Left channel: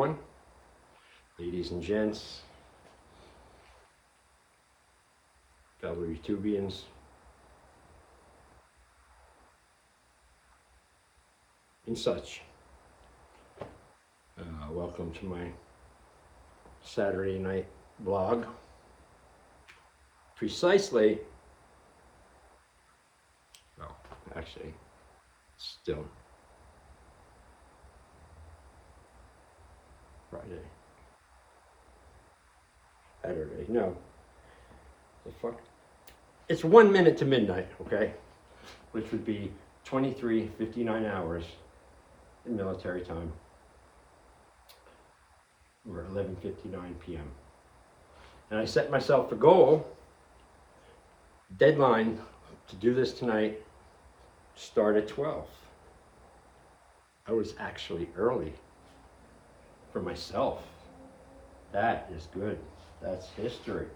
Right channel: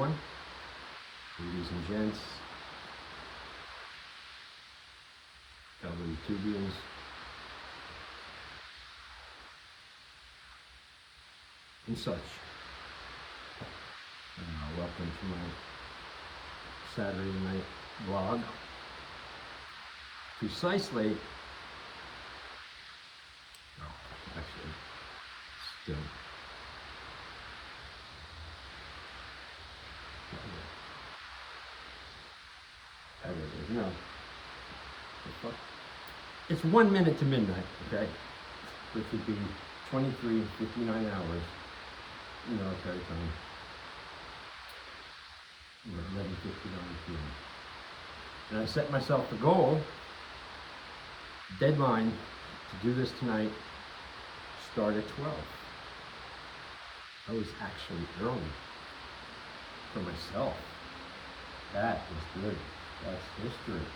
everyone, ladies and gents, fellow YouTubians. And such. Welcome to my Saturday night vlog. Precisely, no, actually, still. Saturday, no. The fuck? It's 1 minute to midnight, okay? Which would be 23:59 hours in military time. Or 11:59 p.m. And I set myself the goal, deadline, to do this tonight, start at 12. I was actually early for myself. That is good. That's history.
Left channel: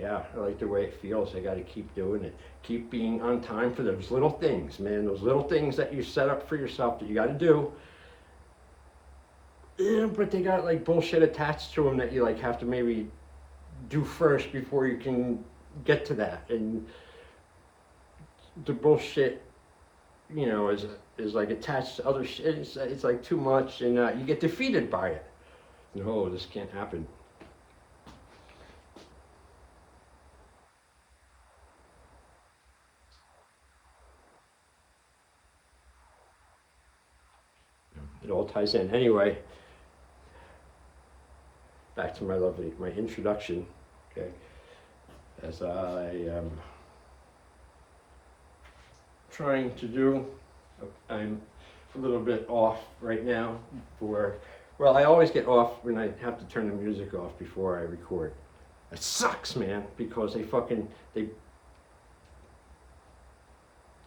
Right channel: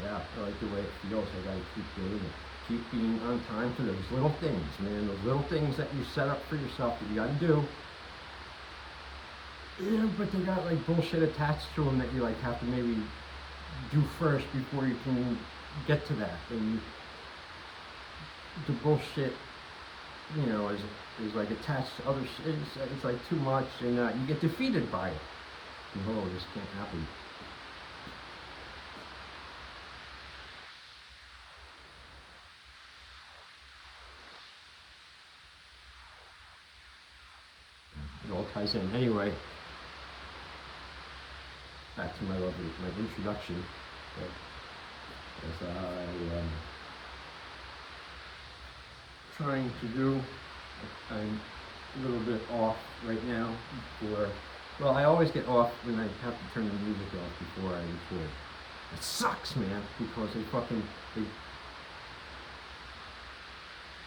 Yeah, I like the way it feels. I got to keep doing it. Keep being on time for those little things, man. Those little things that you set up for yourself that you got to do. Yeah, but they got like bullshit attached to them that you like have to maybe do first before you can get to that. And the bullshit, you know, is like attached to other shit. It's like too much, and you get defeated by it. No, this can't happen. It all ties in. Anyway, back to my introduction. Okay. As I trying to do, I'm a little bit off right now for, well, I always get off when I have to turn the music off before I record. It sucks, man, because they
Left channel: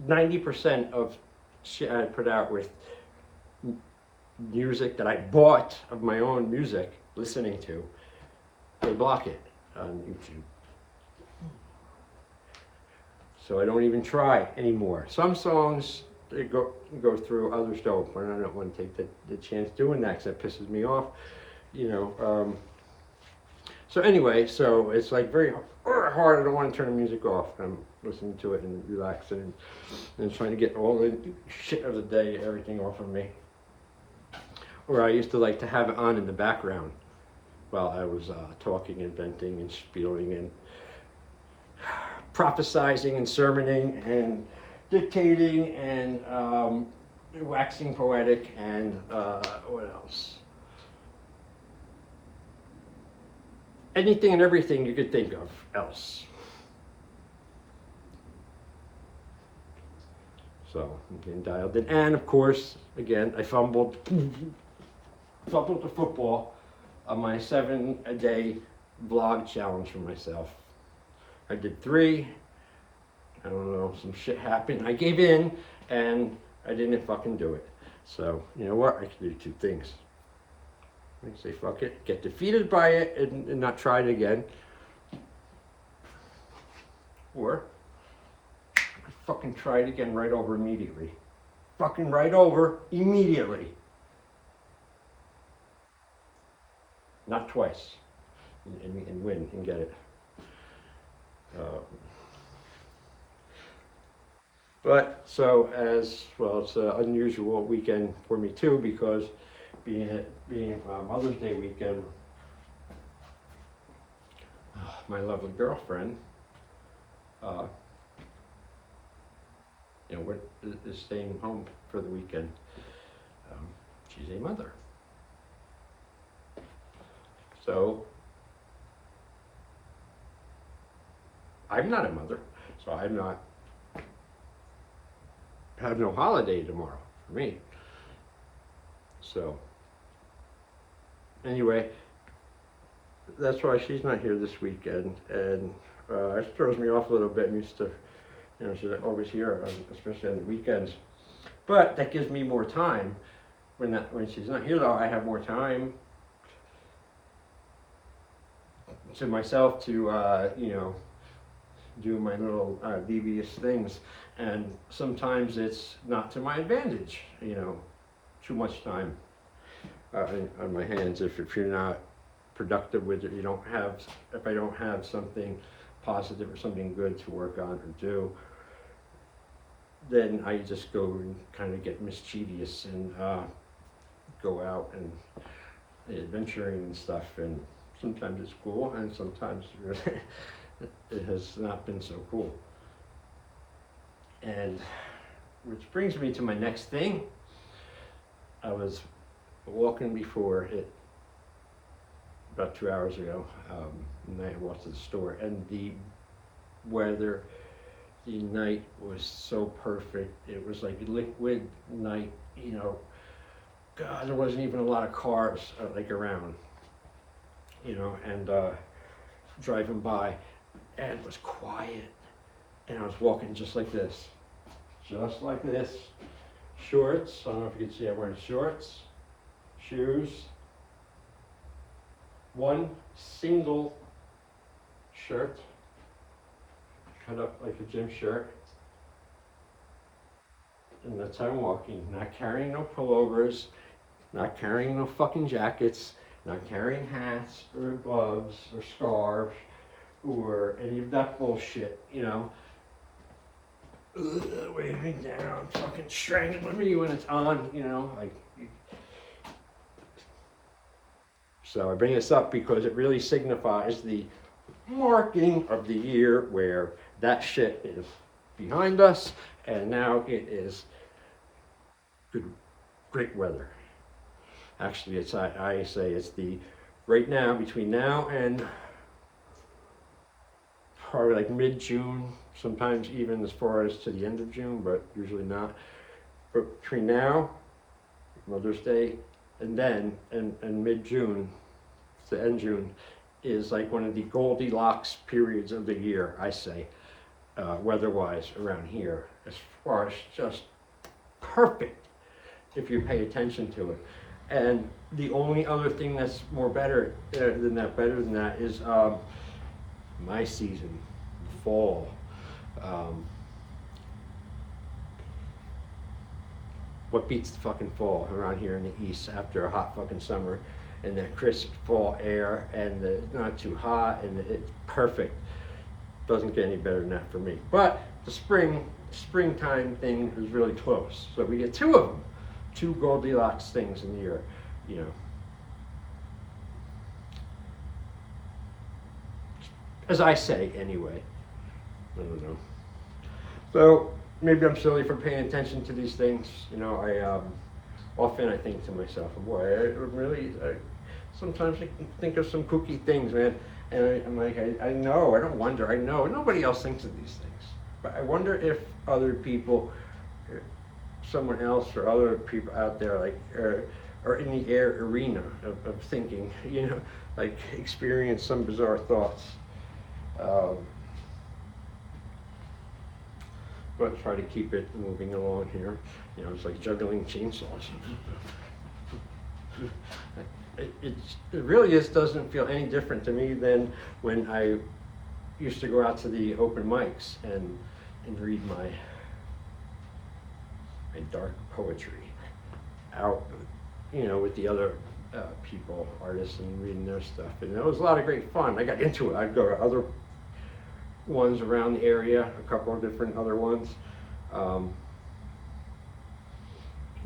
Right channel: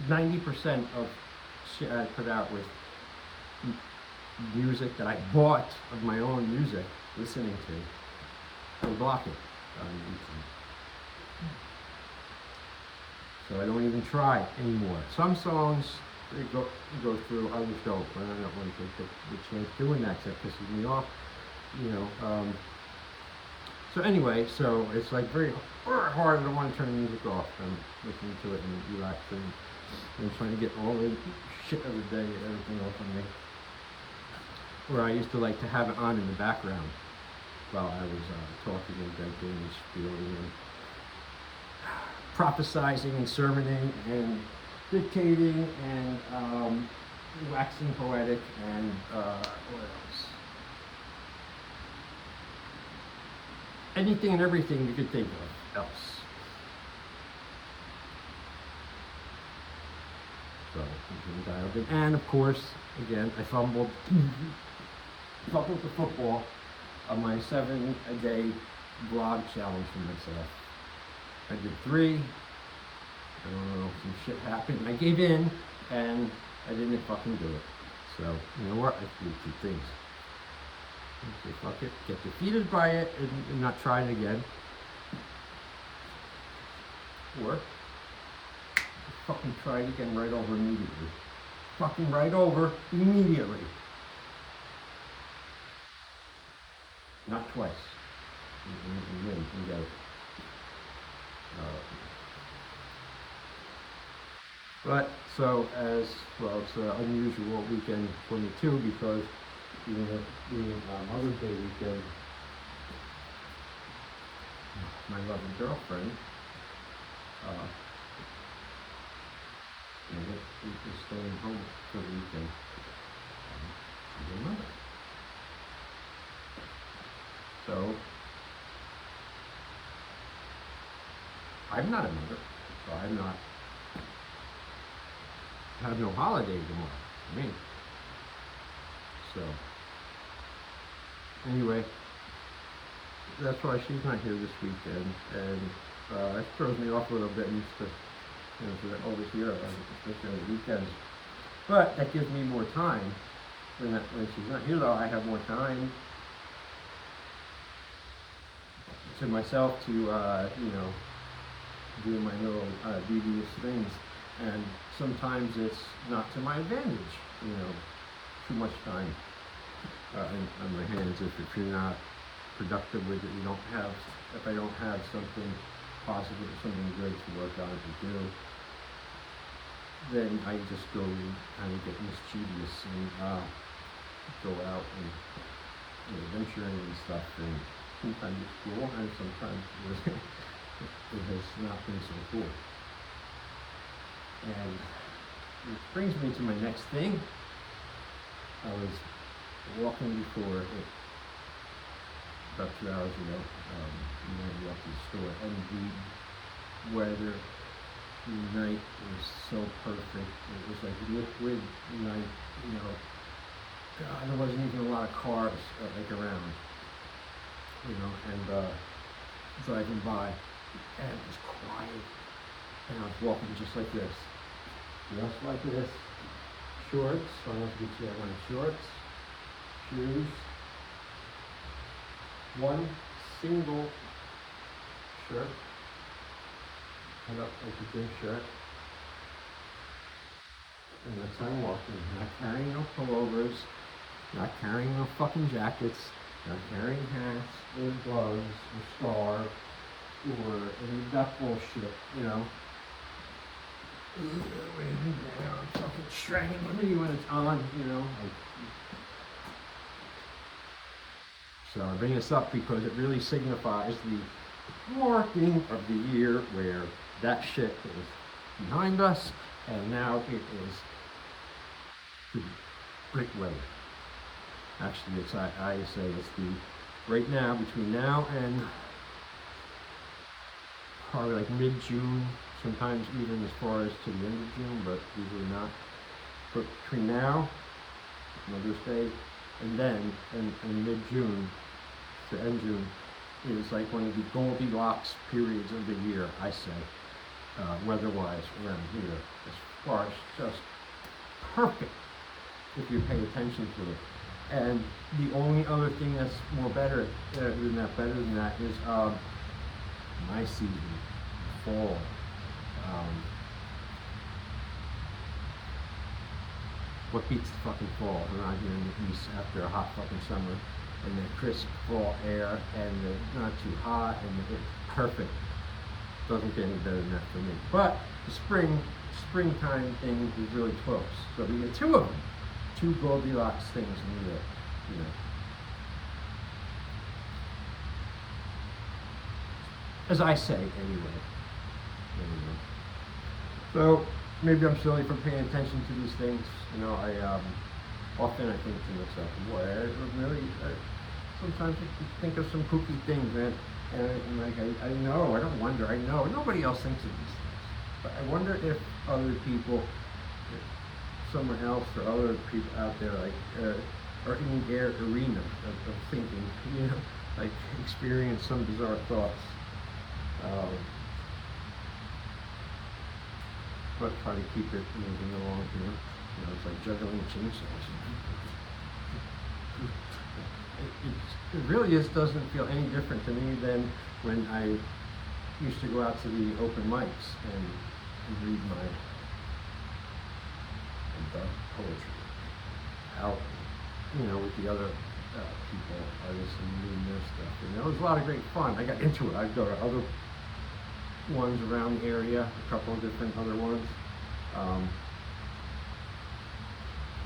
90% of shit I put out with music that I bought of my own music, listening to, they block it on YouTube. So I don't even try anymore. Some songs they go through, others don't, but I don't want to take the chance doing that because that pisses me off, you know. So anyway, so it's like very hard. I don't want to turn the music off. I'm listening to it and relaxing and trying to get all the shit of the day, everything off of me. Or I used to like to have it on in the background while I was talking and venting and spieling and prophesizing and sermoning and dictating and waxing poetic and what else? Anything and everything you could think of else. So I'm getting dialed in. And of course, again, I fumbled the football on my 7-a-day vlog challenge for myself. I did 3. I don't know, some shit happened. I gave in and I didn't fucking do it. So, you know what? I can do 2 things. I say fuck it, get defeated by it and not try it again. Or I could fucking try it again right over immediately. Fucking right over immediately. Not twice. And you can win, you can get it. But so as well, it's an unusual weekend for me too, because being Mother's Day weekend, my lovely girlfriend, you know, is staying home for the weekend. She's a mother. So I'm not a mother, so I have no holiday tomorrow for me. So anyway, that's why she's not here this weekend, and it throws me off a little bit. I'm used to, you know, she's always here, especially on the weekends. But that gives me more time. When she's not here, though, I have more time to myself to, you know, do my little devious things. And sometimes it's not to my advantage, you know, too much time. on my hands. If you're not productive with it, if I don't have something positive or something good to work on and do, then I just go and kind of get mischievous and go out and adventuring and stuff. And sometimes it's cool, and sometimes it has not been so cool. And which brings me to my next thing. I was walking before it, about 2 hours ago, and I walked to the store, and the weather, the night was so perfect. It was like a liquid night, God, there wasn't even a lot of cars around, and driving by, and it was quiet, and I was walking just like this, shorts. I don't know if you can see I'm wearing shorts, shoes, one single shirt, cut up like a gym shirt, and that's how I'm walking. Not carrying no pullovers, not carrying no fucking jackets, not carrying hats or gloves or scarves or any of that bullshit, Wait a minute now, I'm fucking strangling me when it's on, So I bring this up because it really signifies the marking of the year where that shit is behind us, and now it is the great weather. Actually, I say it's the right now, between now and probably like mid-June, sometimes even as far as to the end of June, but usually not. But between now, Mother's Day, and then and mid-June to end June is like one of the Goldilocks periods of the year, I say, weather-wise around here, as far as just perfect if you pay attention to it. And the only other thing that's better than that is my season, fall. What beats the fucking fall around here in the east after a hot fucking summer, and that crisp fall air, and not too hot, and it's perfect. Doesn't get any better than that for me. But the springtime thing is really close. So we get two of them, two Goldilocks things in the year, As I say, anyway. So maybe I'm silly for paying attention to these things. Often I think to myself, boy, sometimes I can think of some kooky things, man. And I'm like, I know, I know, nobody else thinks of these things. But I wonder if other people, someone else or other people out there, are in the arena of thinking, experience some bizarre thoughts. But try to keep it moving along here. It's like juggling chainsaws. It really doesn't feel any different to me than when I used to go out to the open mics and read my dark poetry out, with the other people, artists, and reading their stuff. And it was a lot of great fun. I got into it. I'd go to other ones around the area, a couple of different other ones.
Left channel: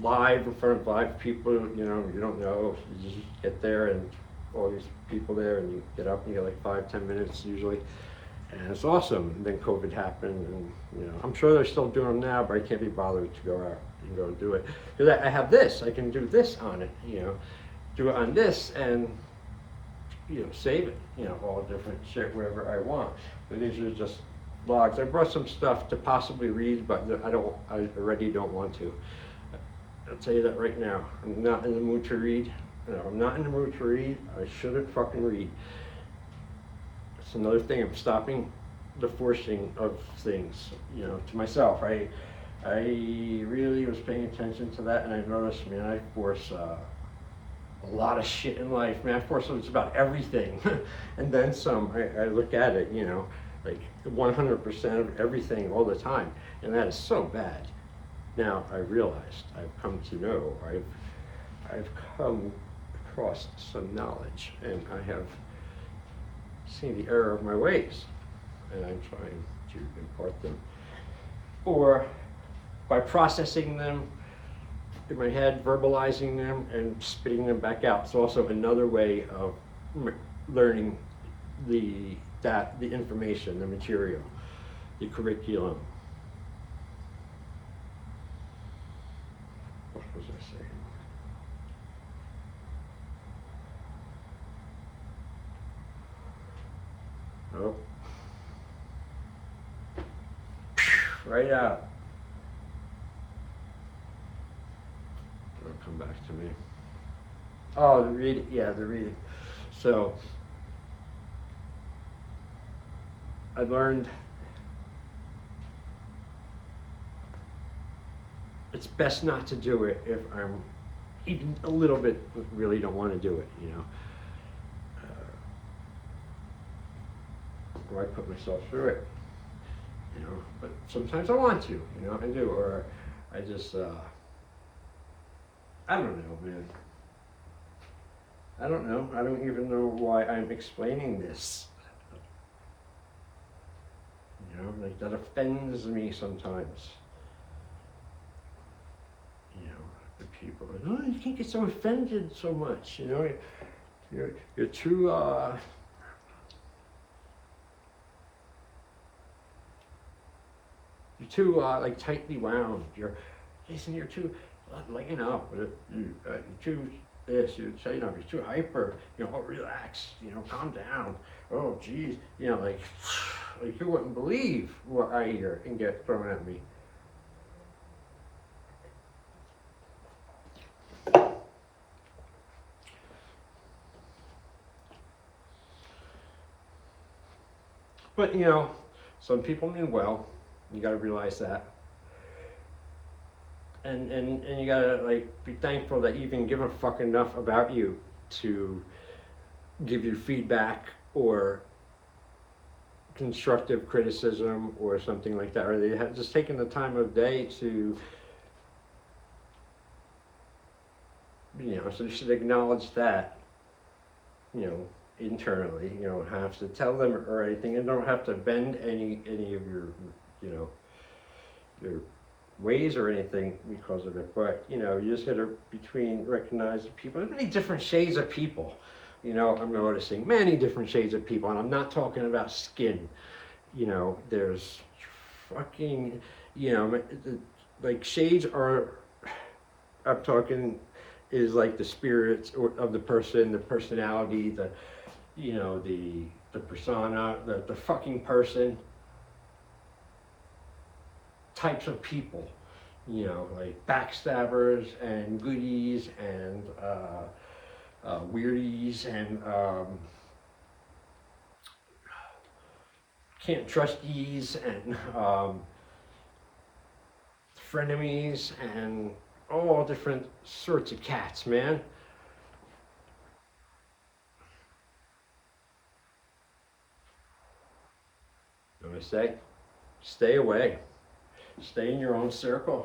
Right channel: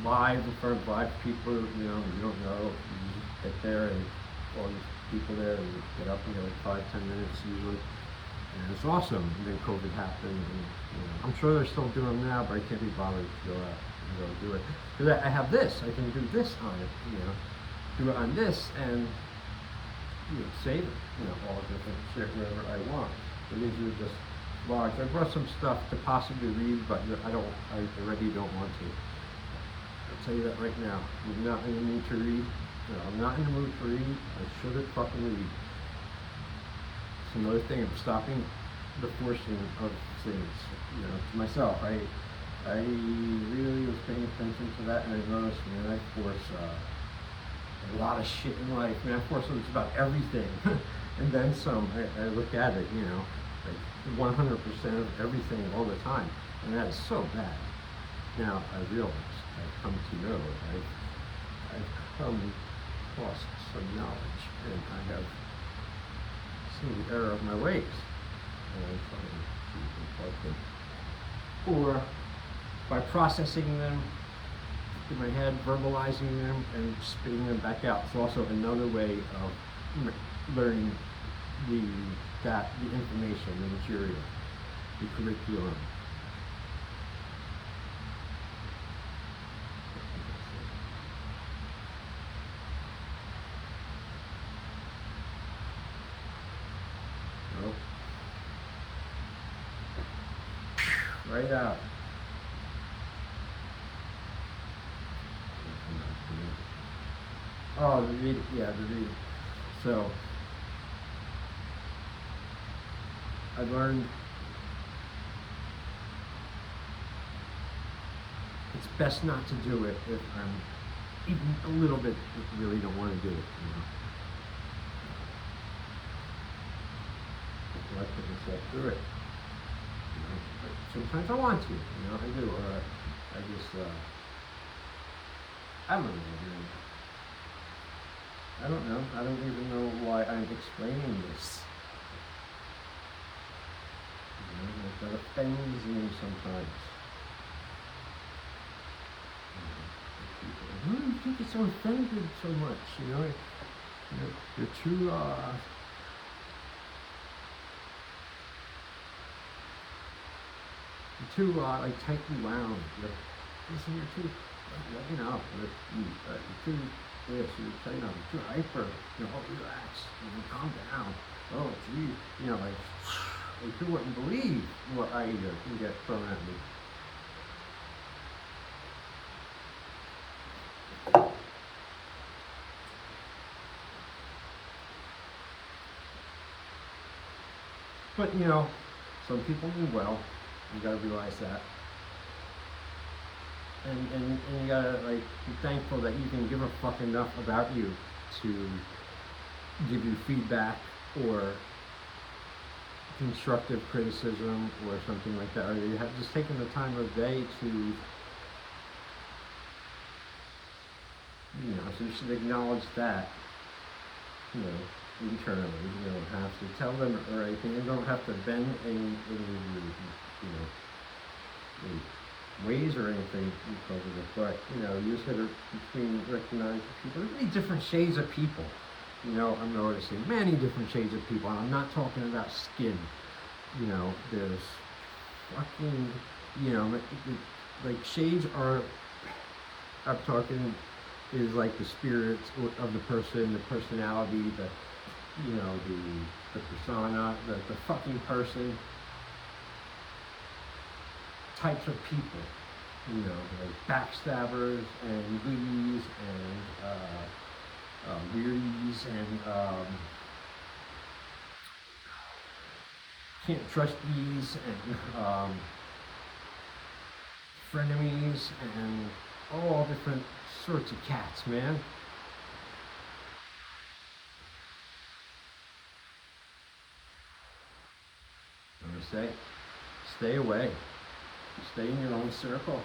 Live in front of live people, you don't know. You just get there and all these people there, and get up and get like 5-10 minutes usually. And it's awesome. And then COVID happened, and I'm sure they're still doing them now, but I can't be bothered to go out and go do it. Because I have this, I can do this on it, do it on this, and save it, all different shit, whatever I want. So these are just logs. I brought some stuff to possibly read, but I already don't want to. I'll tell you that right now. I'm not in the mood to read. I'm not in the mood to read. I shouldn't fucking read. It's another thing. I'm stopping the forcing of things, to myself. I really was paying attention to that, and I noticed, man, I force a lot of shit in life. Man, I force just about everything, and then some. I look at it, like 100% of everything all the time, and that is so bad. Now I realized, I've come to know, I've come across some knowledge, and I have seen the error of my ways, and I'm trying to impart them. Or by processing them in my head, verbalizing them, and spitting them back out. It's also another way of learning the information, the material, the curriculum. Oh. Right out. It'll come back to me. Oh, the reading. Yeah, the reading. So I learned it's best not to do it if I'm even a little bit really don't want to do it, you know. Do I put myself through it? You know, but sometimes I want to, you know, I do, or I just, I don't know, dude. I don't know. I don't even know why I'm explaining this. You know, that offends me sometimes. You know, the people, oh, you can't get so offended so much, you know, you're too, you're too like tightly wound. You're too, like, you know, you're too this. You're, you know, you're too hyper. You know, oh, relax. You know, calm down. Oh, geez. You know, like you wouldn't believe what I hear and get thrown at me. But you know, some people mean well. You got to realize that. And you gotta like be thankful that you can give a fuck enough about you to give you feedback or constructive criticism or something like that, or they have just taken the time of day to, you know, so you should acknowledge that, you know, internally. You don't have to tell them or anything, and don't have to bend any of your, you know, your ways or anything because of it. But you know, you just gotta recognize people. There's many different shades of people. You know, I'm noticing many different shades of people, and I'm not talking about skin. You know, there's fucking, you know, like shades are. I'm talking is like the spirits of the person, the personality, the, you know, the persona, the fucking person. Types of people, you know, like backstabbers and goodies and weirdies and can't trusties and frenemies and all different sorts of cats, man. I'm gonna say, stay away. Stay in your own circle.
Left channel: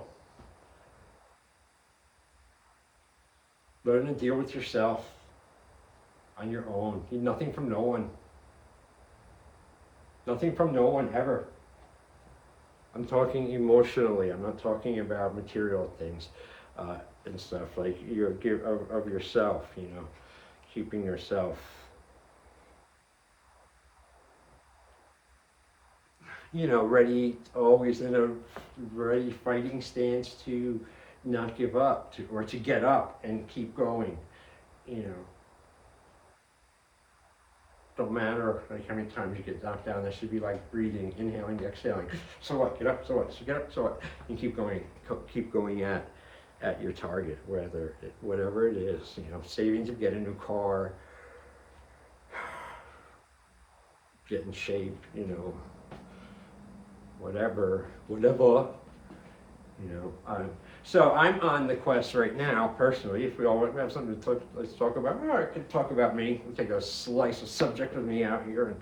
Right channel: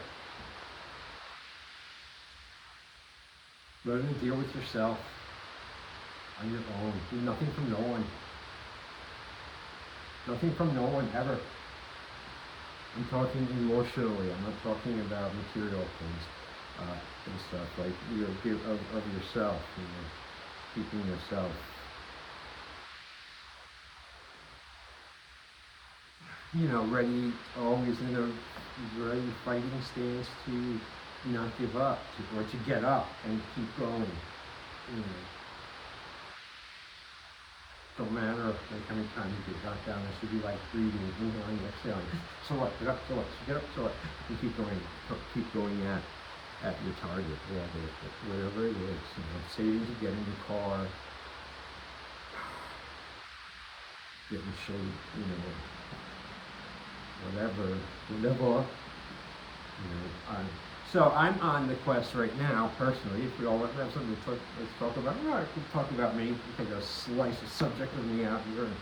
Learn to deal with yourself on your own. Need nothing from no one. Nothing from no one ever. I'm talking emotionally. I'm not talking about material things and stuff. Like you give of yourself. You know, keeping yourself. You know, ready, always in a ready fighting stance to not give up, or to get up and keep going. You know, don't matter like how many times you get knocked down. There should be like breathing, inhaling, exhaling. So what? Get up. So what? So get up. So what? And keep going at your target, whatever it is. You know, saving to get a new car, get in shape. You know. Whatever, you know. So I'm on the quest right now, personally. If we all have something to let's talk about. All right, let's talk about me. We'll take a slice of subject of me out here and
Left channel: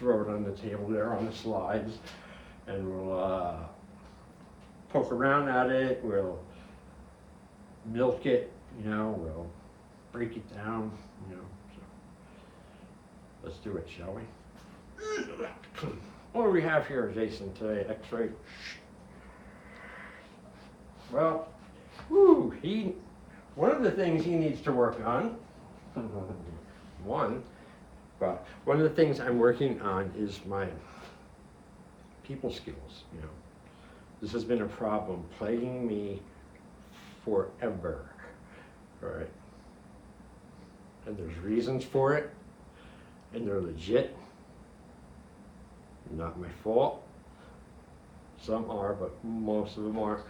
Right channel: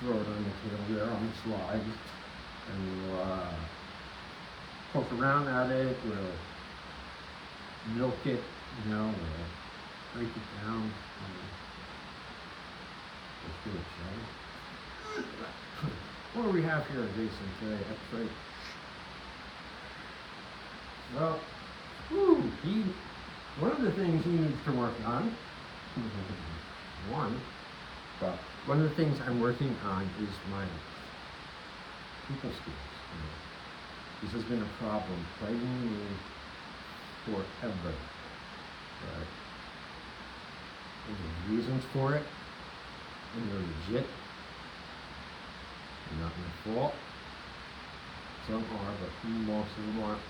throw it on the table there on the slides, and we'll poke around at it. We'll milk it, you know. break it down. You know. Let's do it, shall we? What do we have here, Jason, today? X-ray. Well, one of the things he needs to work on, one of the things I'm working on is my people skills. You know. This has been a problem plaguing me forever, right? And there's reasons for it, and they're legit. Not my fault. Some are, but most of them aren't.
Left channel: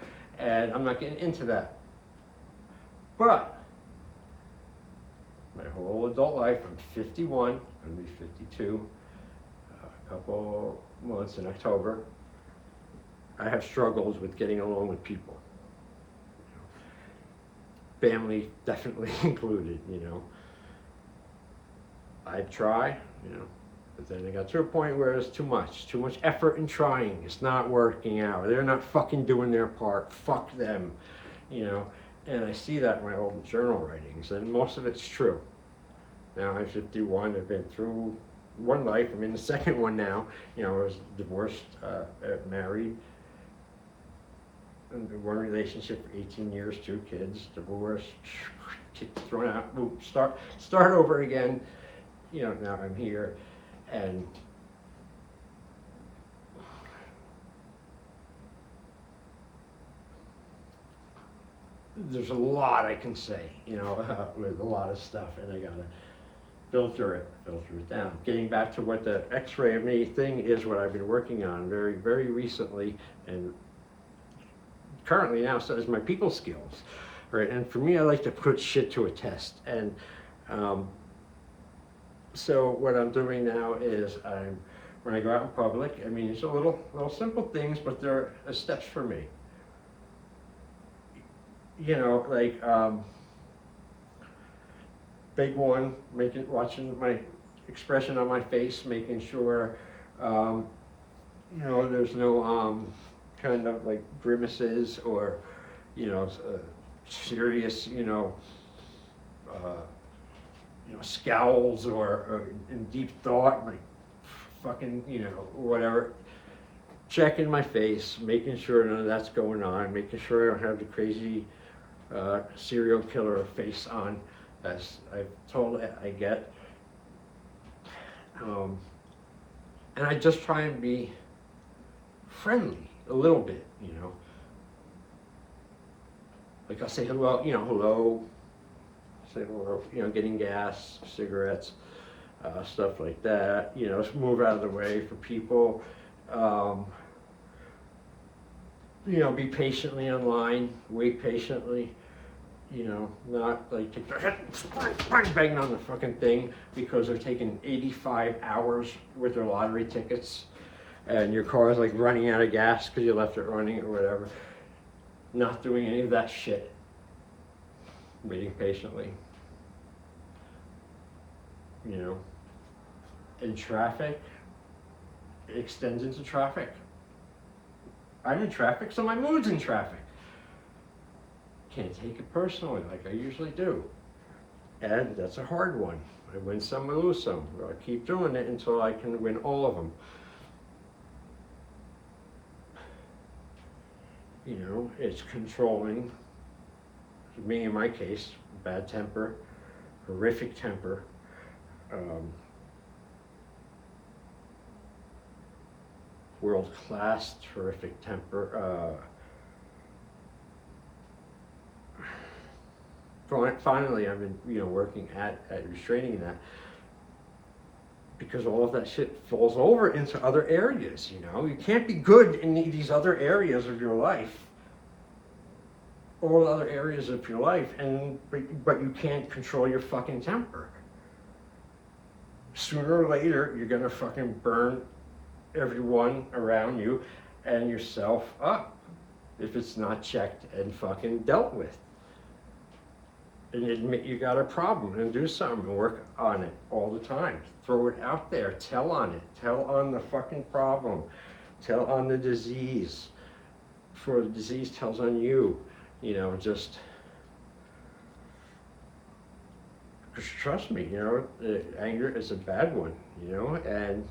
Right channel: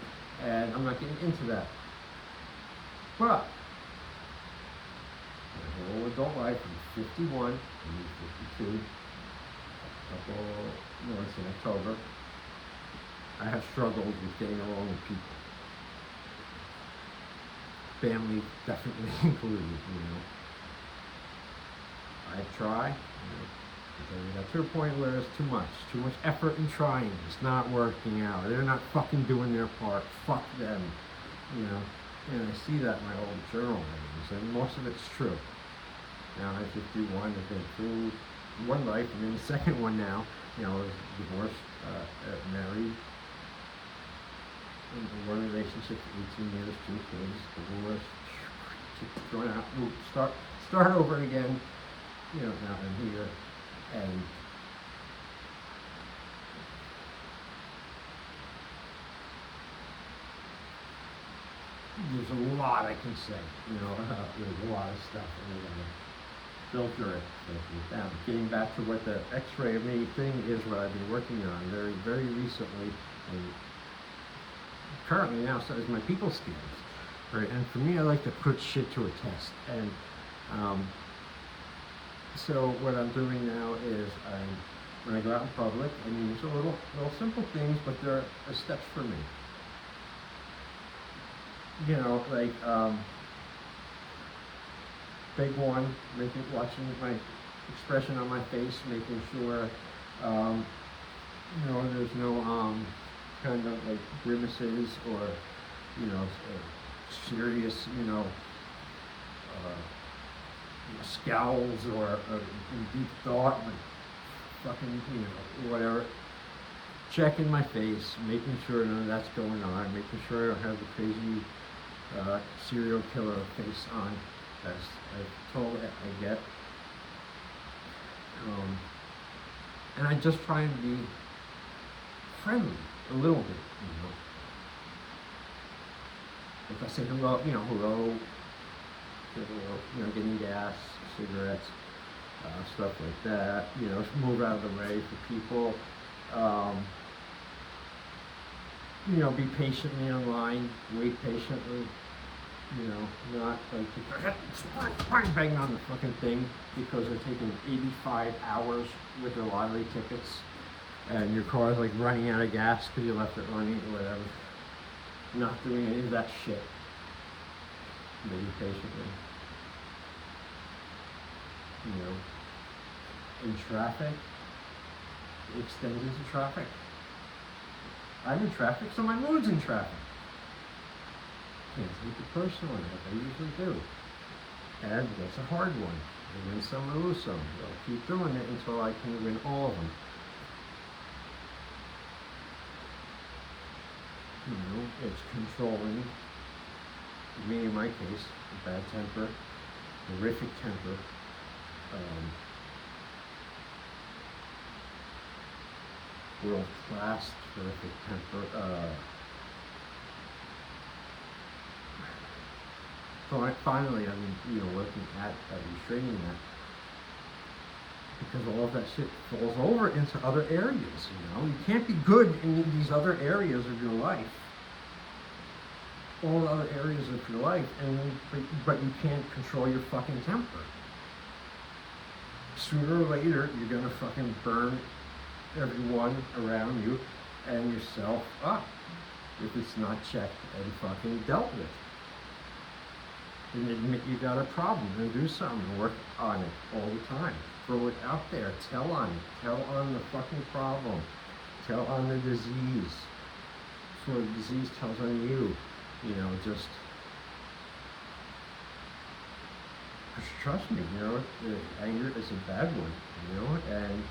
And I'm not getting into that. But my whole adult life, I'm 51, I'm 52, a couple months in October, I have struggled with getting along with people. Family definitely included, you know. I try, you know, but then I got to a point where it's too much effort in trying. It's not working out. They're not fucking doing their part. Fuck them, you know. And I see that in my old journal writings, and most of it's true. Now I'm 51. I've been through one life. I'm in the second one now. You know, I was divorced, married, in one relationship for 18 years, 2 kids, divorced, thrown out. Start over again. You know, now I'm here, and there's a lot I can say, you know, there's a lot of stuff, and I gotta filter it down. Getting back to what the X-ray of me thing is, what I've been working on very, very recently, and currently now, so is my people skills, right? And for me, I like to put shit to a test, and so what I'm doing now is when I go out in public, I mean, it's a little simple things, but they're steps for me. You know, like, big one, watching my expression on my face, making sure, you know, there's no, kind of like grimaces or, you know, serious, you know, scowls or in deep thought, like fucking, you know, whatever. Checking my face, making sure none of that's going on, making sure I don't have the crazy serial killer face on, as I've told I get. And I just try and be friendly a little bit, you know. Like I'll say hello, you know, hello, say hello, you know, getting gas, cigarettes, stuff like that, you know, move out of the way for people. You know, be patiently in line, wait patiently, you know, not like get their head banging on the fucking thing because they're taking 85 hours with their lottery tickets and your car is like running out of gas because you left it running or whatever. Not doing any of that shit. Waiting patiently. You know, in traffic, it extends into traffic. I'm in traffic, so my mood's in traffic. Can't take it personally like I usually do. And that's a hard one. I win some, I lose some. I'll keep doing it until I can win all of them. You know, it's controlling, me in my case, bad temper, horrific temper, world-class terrific temper, finally I'm you know, working at restraining that, because all of that shit falls over into other areas, you know. You can't be good in these other areas of your life, all the other areas of your life, but you can't control your fucking temper. Sooner or later, you're gonna fucking burn everyone around you and yourself up if it's not checked and fucking dealt with. And admit you got a problem and do something and work on it all the time. Throw it out there, tell on it, tell on the fucking problem, tell on the disease. Before the disease tells on you, you know, just trust me, you know, anger is a bad one, you know, and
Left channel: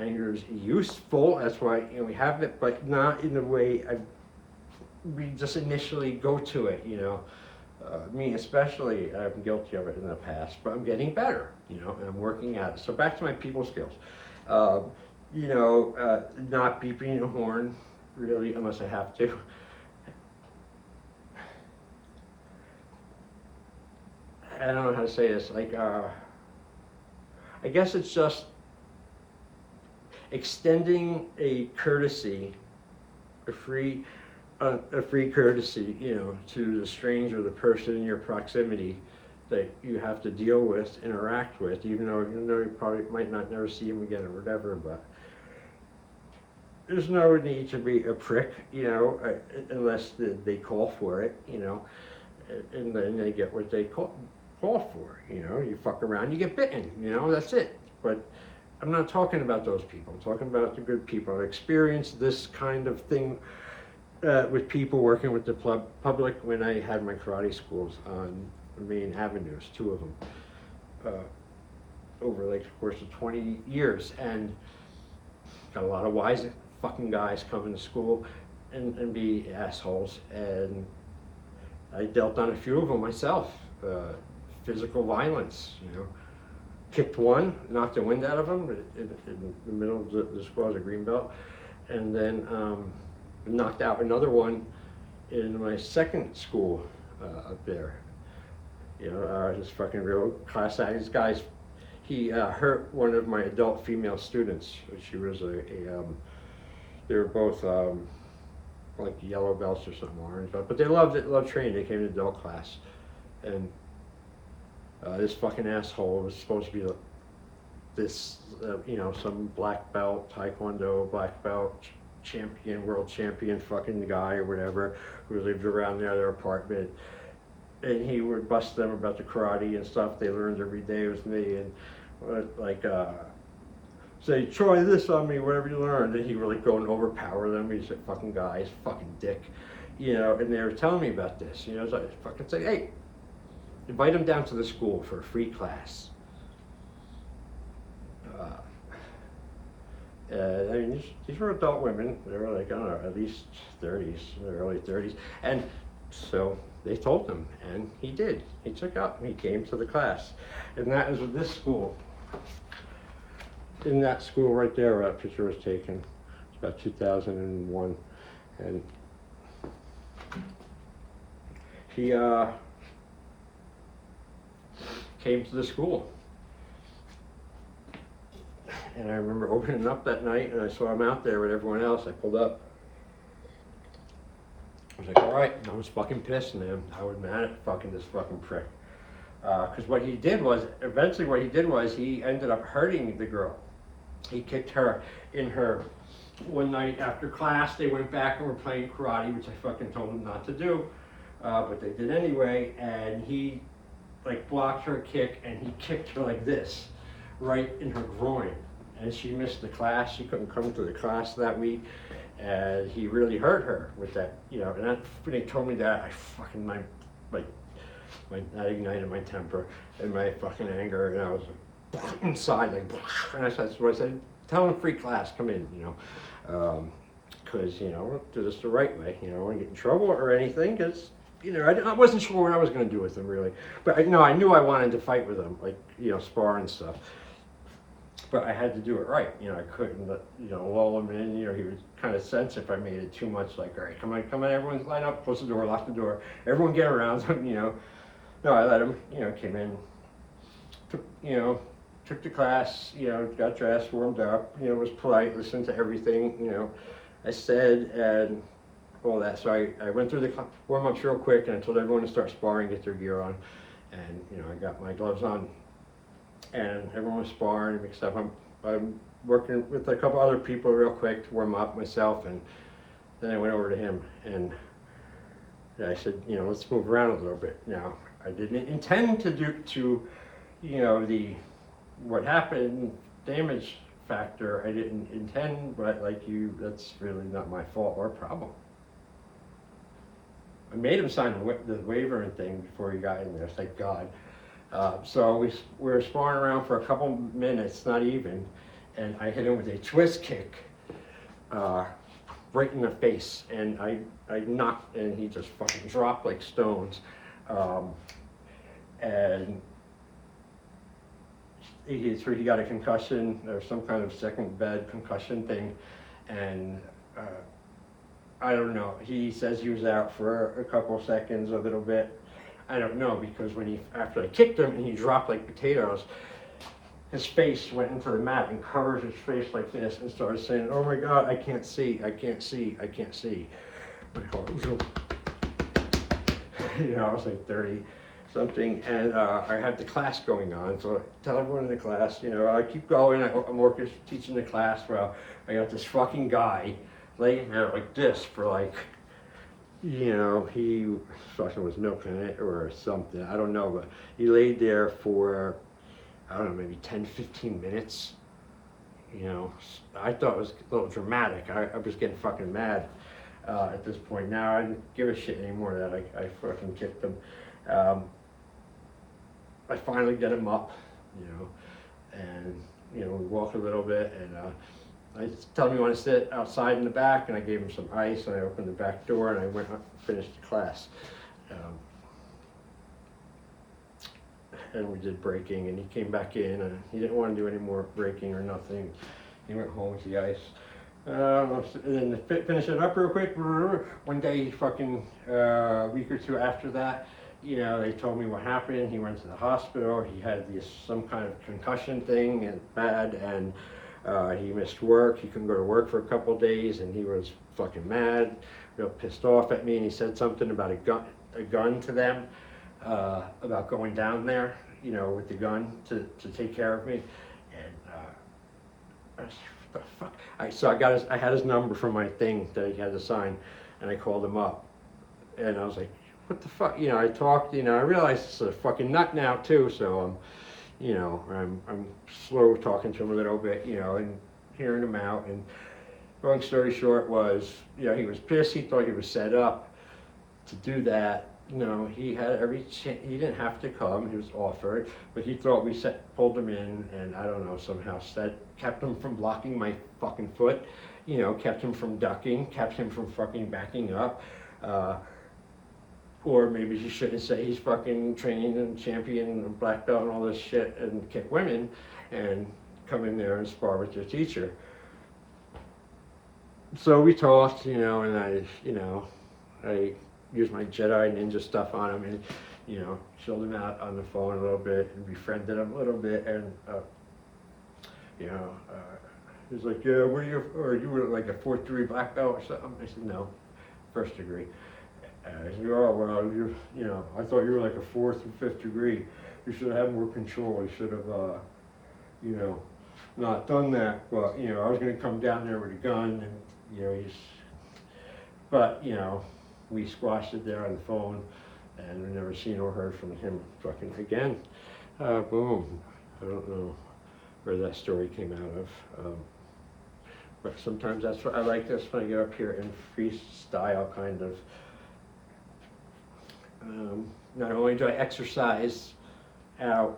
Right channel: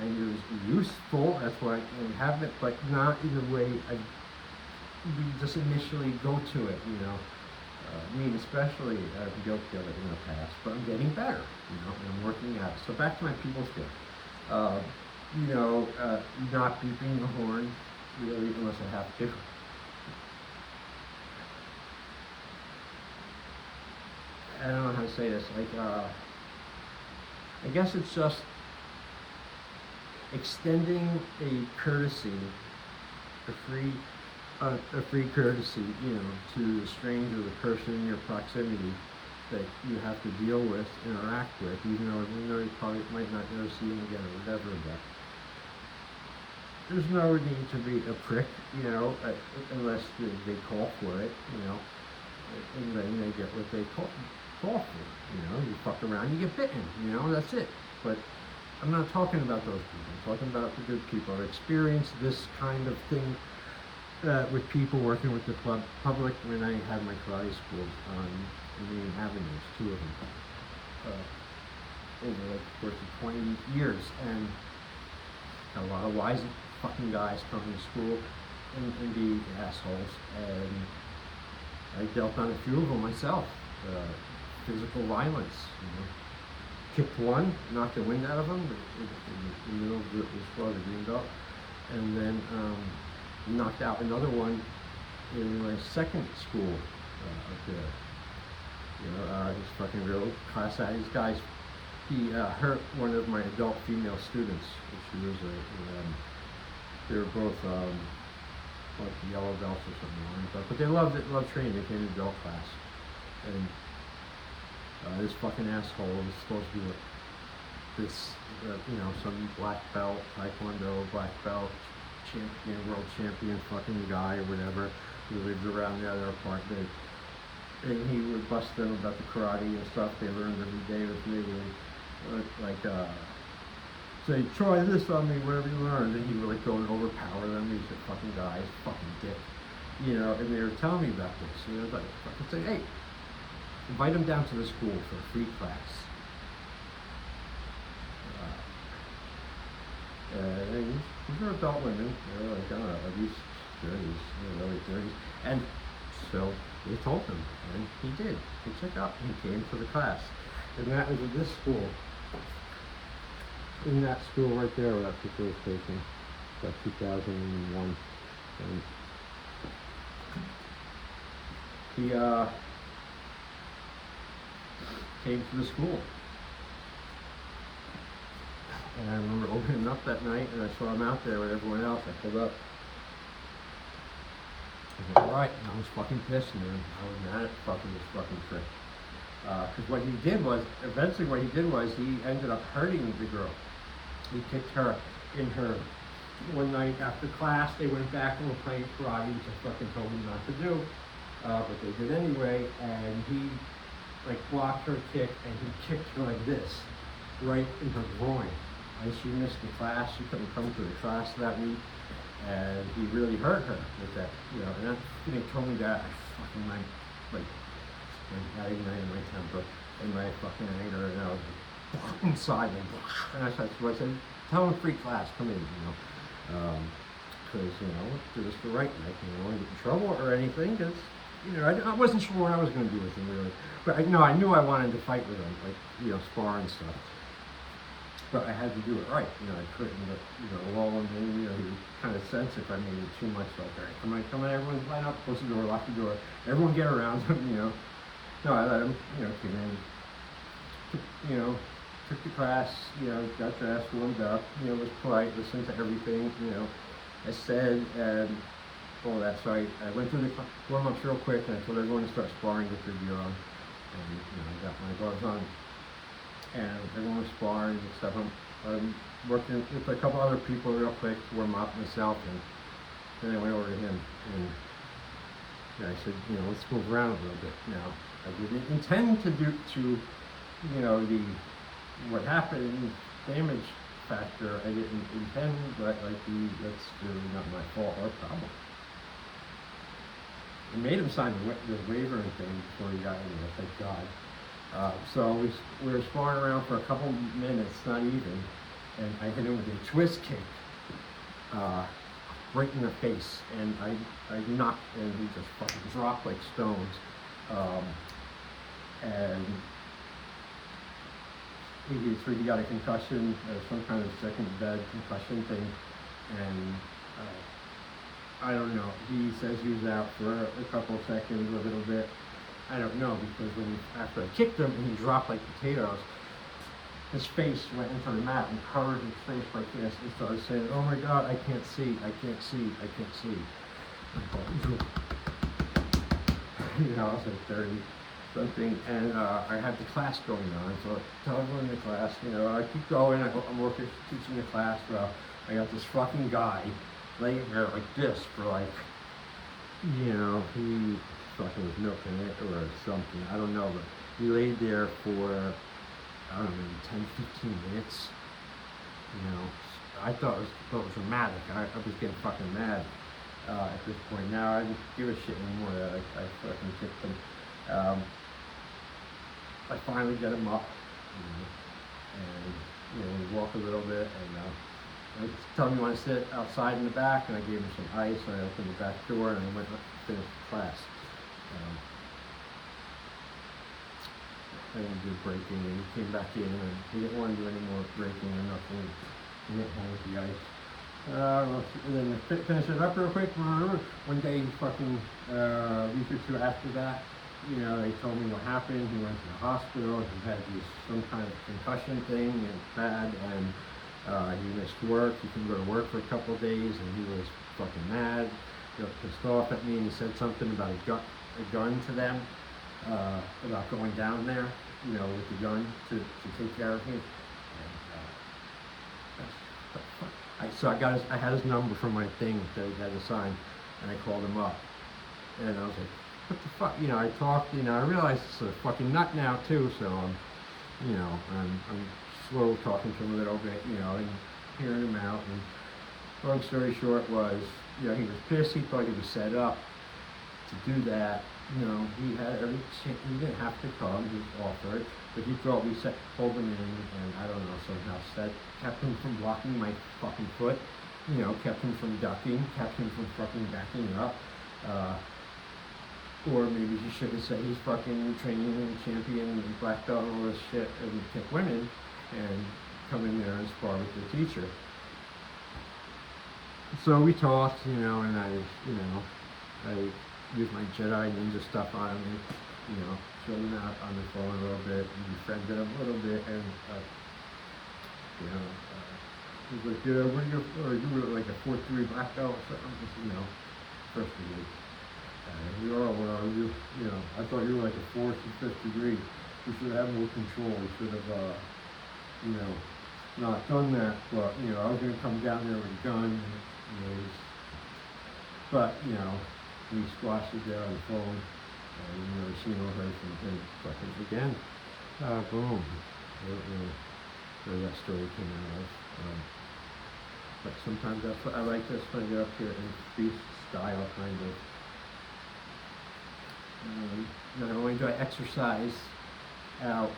anger is useful. That's why, you know, we have it, but not in the way we just initially go to it, you know. Me especially, I've been guilty of it in the past, but I'm getting better, you know, and I'm working at it. So back to my people skills. You know, not beeping the horn, really, unless I have to. I don't know how to say this, like, I guess it's just extending a courtesy, a free courtesy, you know, to the stranger, the person in your proximity that you have to deal with, interact with, even though you probably might not never see him again or whatever, but there's no need to be a prick, you know, unless they call for it, you know, and then they get what they call for, you know, you fuck around, you get bitten, you know, that's it. But I'm not talking about those people, I'm talking about the good people. I've experienced this kind of thing with people working with the public when I had my karate schools on the main avenues, 2 of them, over like the course of 20 years, and got a lot of wise fucking guys coming to school and be assholes, and I dealt on a few of them myself. Physical violence, you know. Kicked one, knocked the wind out of him in the middle of the squad, the green belt, and then knocked out another one in my second school up there. You know, he's fucking real class act. These guys, he hurt one of my adult female students. She was they were both like yellow belts or something, orange belt, but they loved training. They came to adult class, and this fucking asshole was supposed to be like this, you know, some black belt, taekwondo black belt champion, world champion fucking guy or whatever, who lived around their apartment, and he would bust them about the karate and stuff they learned every day with me, and like say, try this on me, whatever you learned, and he'd really go and overpower them. He's a fucking guy, he's a fucking dick, you know. And they were telling me about this, you know. I was like, fucking say, hey, invite him down to the school for a free class. These were adult women. They were like, I don't know, at least 30s, early 30s. And so they told him, and he did. He took up, and he came to the class. And that was with this school. In that school right there, where that picture was taken, about 2001. And he came to the school. And I remember opening up that night, and I saw him out there with everyone else. I pulled up. I was like, all right, I was fucking pissed, man. I was mad at fucking this fucking prick. Because what he did was, eventually what he did was, he ended up hurting the girl. He kicked her in her, one night after class, they went back and were playing karate, which I fucking told them not to do. But they did anyway, and he like blocked her kick, and he kicked her like this, right in her groin. And she missed the class, she couldn't come to the class that week, and he really hurt her with that, you know. And that's when they told me that, I fucking, that ignited my temper and my fucking anger, and I was inside, like, and that's what I said, tell him free class, come in, you know, because, you know, do this the right way, you know, I get in trouble or anything, because, you know, I wasn't sure what I was going to do with him, really, but I knew I wanted to fight with him, like, you know, spar and stuff, but I had to do it right, you know. I couldn't, you know, lull him in, you know. He would kind of sense if I made it too much, like, all right, come on, everyone line up, close the door, lock the door, everyone get around him, you know. No, I let him, you know, came in, took the class, you know, got dressed, warmed up, you know, was polite, listened to everything, you know, I said, and all that. So I went through the warm-ups real quick, and I told everyone to start sparring, get their gear on, and, you know, I got my gloves on, and everyone was sparring, except I'm working with a couple other people real quick to warm up myself, and then I went over to him, and yeah, I said, you know, let's move around a little bit. Now, I didn't intend to you know, what happened, damage factor, I didn't intend, but like that's really not my fault or problem. I made him sign the waiver and thing before he got in there, thank God. So we were sparring around for a couple minutes, not even, and I hit him with a twist kick uh, right in the face, and I knocked, and he just fucking dropped like stones. Um, and he got a concussion or some kind of second bed concussion thing, and I don't know. He says he was out for a couple of seconds, a little bit. I don't know, because after I kicked him and he dropped like potatoes, his face went into the mat and covered his face like this and started saying, "Oh my God, I can't see, I can't see, I can't see." You know, I was like 30 something, and I had the class going on, so I tell everyone in the class, you know, I keep going, I'm working, teaching the class. Well, I got this fucking guy laying there like this for like, you know, he fucking was milking it or something, I don't know, but he laid there for, I don't know, maybe 10-15 minutes. You know, I thought it was a little dramatic. I was getting fucking mad at this point. Now I don't give a shit anymore that I fucking kicked him. I finally get him up, you know, and, you know, we walk a little bit, and I tell him he want to sit outside in the back, and I gave him some ice, and I opened the back door, and I went up and finished the class. And we did breaking, and he came back in, and he didn't want to do any more breaking or nothing. He went home with the ice. And then to finish it up real quick, one day, fucking a week or two after that, you know, they told me what happened. He went to the hospital. He had some kind of concussion thing and bad, and he missed work. He couldn't go to work for a couple of days, and he was fucking mad, got pissed off at me, and he said something about a gun to them. About going down there, you know, with the gun to take care of me, and so I had his number from my thing that I had to sign, and I called him up, and I was like, what the fuck, you know, I talked, you know, I realized it's a fucking nut now too, so I'm slow talking to him a little bit, you know, and hearing him out, and long story short was, you know, he was pissed, he thought he was set up to do that. No, he had every chance. He didn't have to come. He was offered, but he thought we pulled him in, and I don't know, somehow kept him from blocking my fucking foot. You know, kept him from ducking, kept him from fucking backing up. Or maybe he shouldn't say he's fucking trained and champion and black belt and all this shit and kick women, and come in there and spar with the teacher. So we talked, you know, and I used my Jedi Ninja stuff on him, and, you know, showed him out on the phone a little bit, and befriended him a little bit, and, you know, he's like, yeah, you were like a 4th degree black belt or something? I said, no, 1st degree. You are, well, you know, I thought you were like a 4th and 5th degree. You should have more control. You should have, you know, not done that, but, you know, I was going to come down there with a gun, and, you know, but, you know, we squashed it there on the phone, and we never seen or heard from him fucking again. Boom. I don't know where that story came out of. But sometimes that's what I like this when I get up here in freestyle kind of. Not only do I exercise out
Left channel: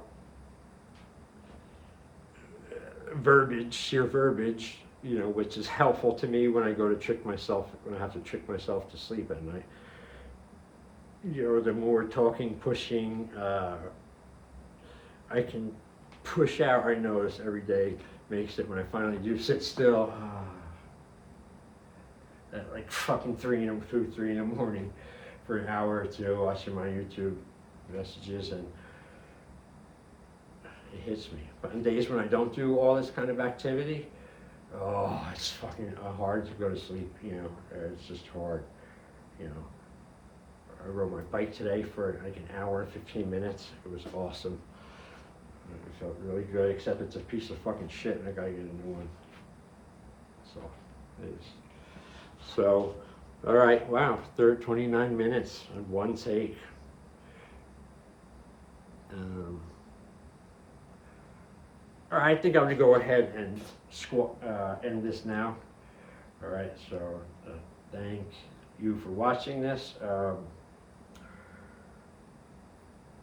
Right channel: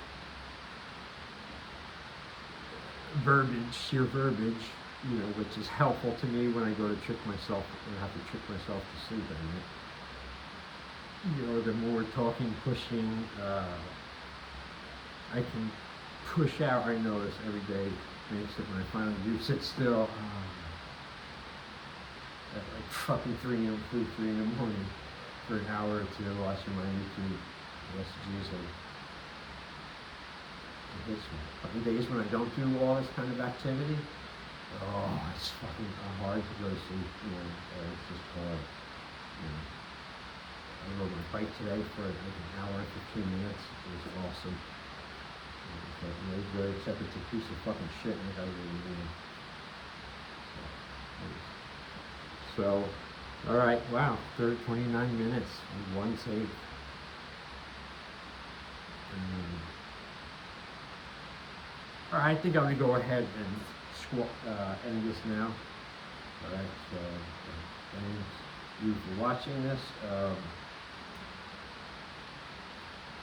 sheer verbiage, you know, which is helpful to me when I go to trick myself, when I have to trick myself to sleep at night. You know, the more talking, pushing, I can push out, I notice every day makes it when I finally do sit still, at like fucking 3 in the morning for an hour or two watching my YouTube messages, and it hits me. But on days when I don't do all this kind of activity, oh, it's fucking hard to go to sleep, you know, it's just hard, you know. I rode my bike today for like an hour and 15 minutes, it was awesome. You know, it felt really good, except it's a piece of fucking shit, and I gotta get in the morning. So, all right, wow, 29 minutes on one take. All right, I think I'm gonna go ahead and end this now. All right, so thank you for watching this.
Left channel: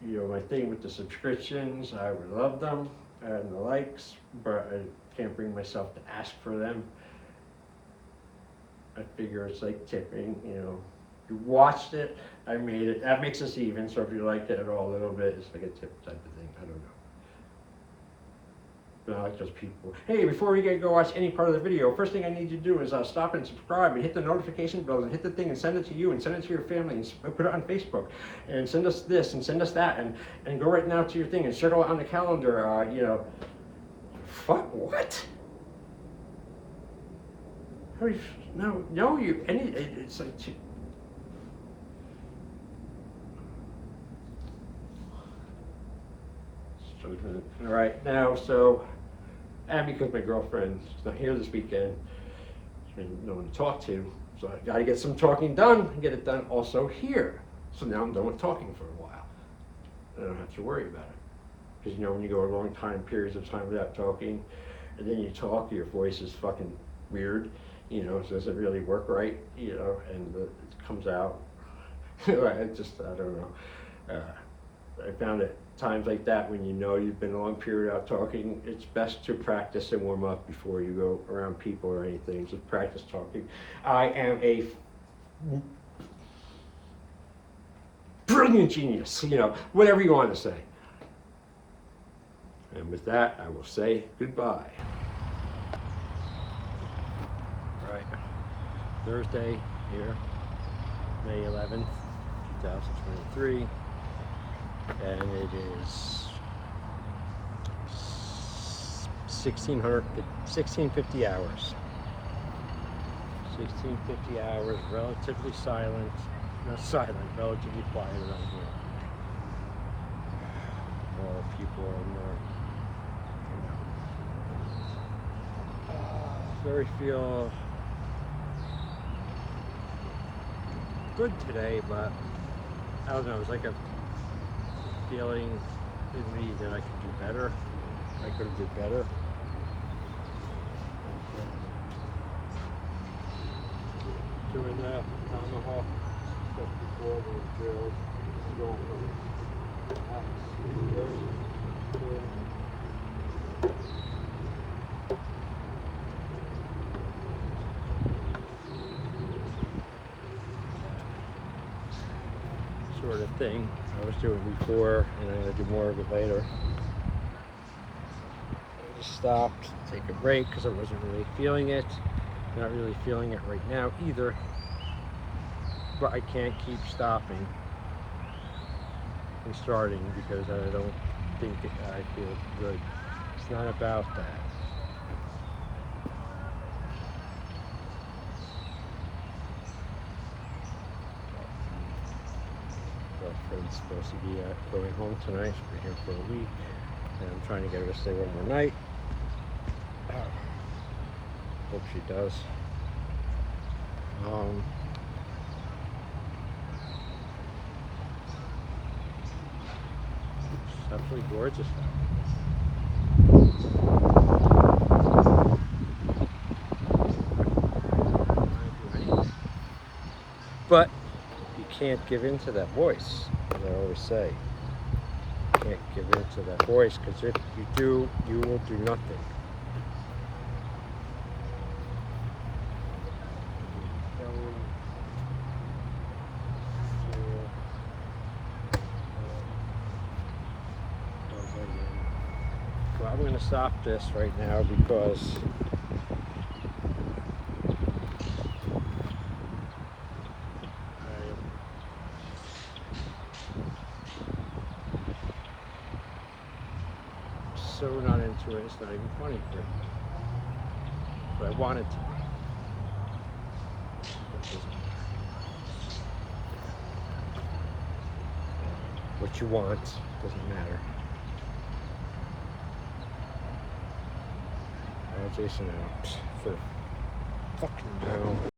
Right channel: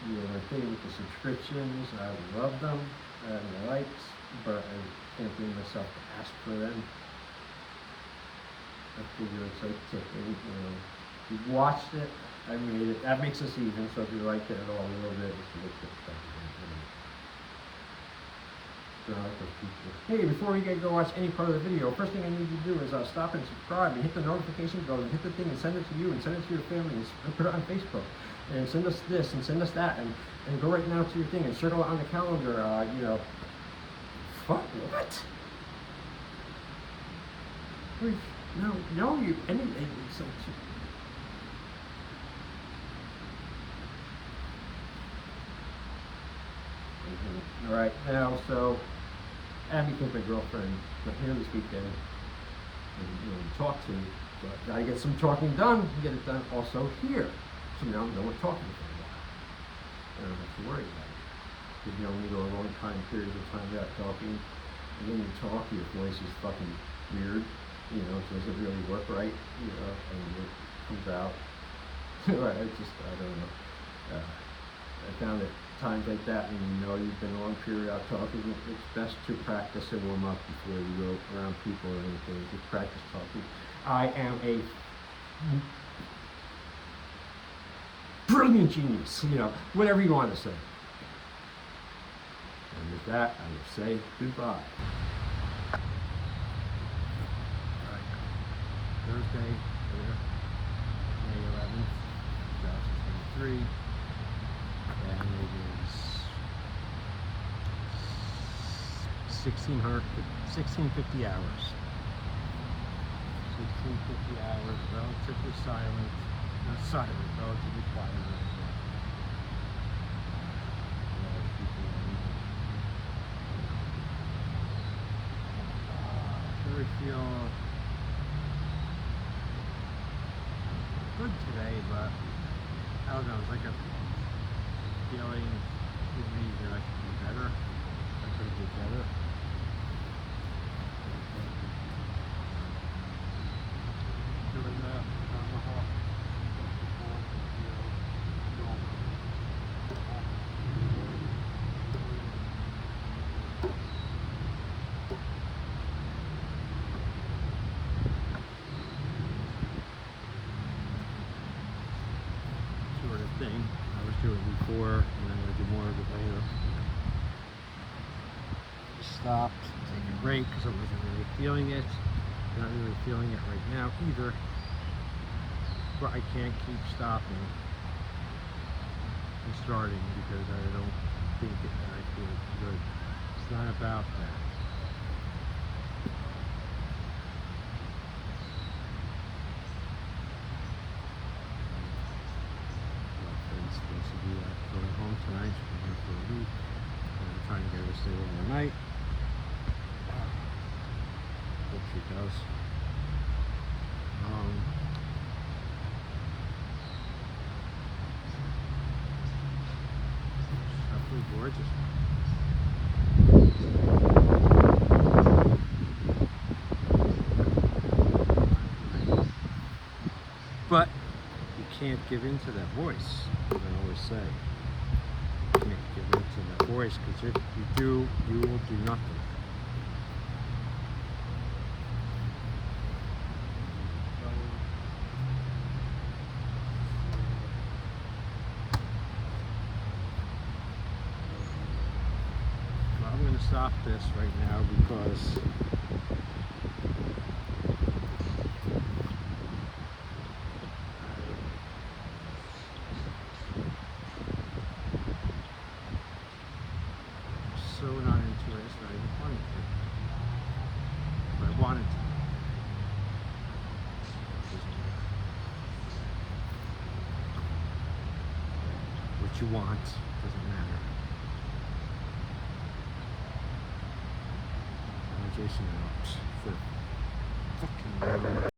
you know, my thing with the subscriptions, I would love them and the likes, but I can't bring myself to ask for them. I figure it's like tipping, you know, you watched it, I made it, that makes us even, so if you liked it at all a little bit, it's like a tip type of thing. I don't like those people. Hey, before we go watch any part of the video, first thing I need to do is stop and subscribe and hit the notification bell and hit the thing and send it to you and send it to your family and put it on Facebook and send us this and send us that and go right now to your thing and circle it on the calendar, you know. Fuck, what? No, it's like, all right, now, so, and because my girlfriend's not here this weekend, and no one to talk to, so I gotta get some talking done, and get it done also here. So now I'm done with talking for a while. I don't have to worry about it. Because, you know, when you go a long periods of time without talking, and then you talk, your voice is fucking weird, you know, so does it really work right, you know, and it comes out. I don't know. I found that times like that, when you know you've been a long period without talking, it's best to practice and warm up before you go around people or anything. Just practice talking. I am a brilliant genius, you know, whatever you want to say. And with that, I will say goodbye. Right. Thursday here, May 11th, 2023. And it is 1650 hours. 1650 hours, relatively silent, not silent, relatively quiet around here. More people are more, you know, very feel good today, but I don't know, it's like a feeling with me that I could do better. I could have did better. Doing that tomahawk stuff before was drilled. Going sort of thing I was doing before, and I'm going to do more of it later. I just stopped, take a break because I wasn't really feeling it. Not really feeling it right now either, but I can't keep stopping and starting because I don't think I feel good. It's not about that. Girlfriend's supposed to be going home tonight. She's been here for a week, and I'm trying to get her to stay one more night. Hope she does. It's absolutely gorgeous. But you can't give in to that voice, as I always say. You can't give in to that voice, because if you do, you will do nothing. Well, I'm going to stop this right now because I'm so not into it, it's not even funny for me. But I want it to be. But it doesn't matter. What you want doesn't matter. Jason out for fucking now.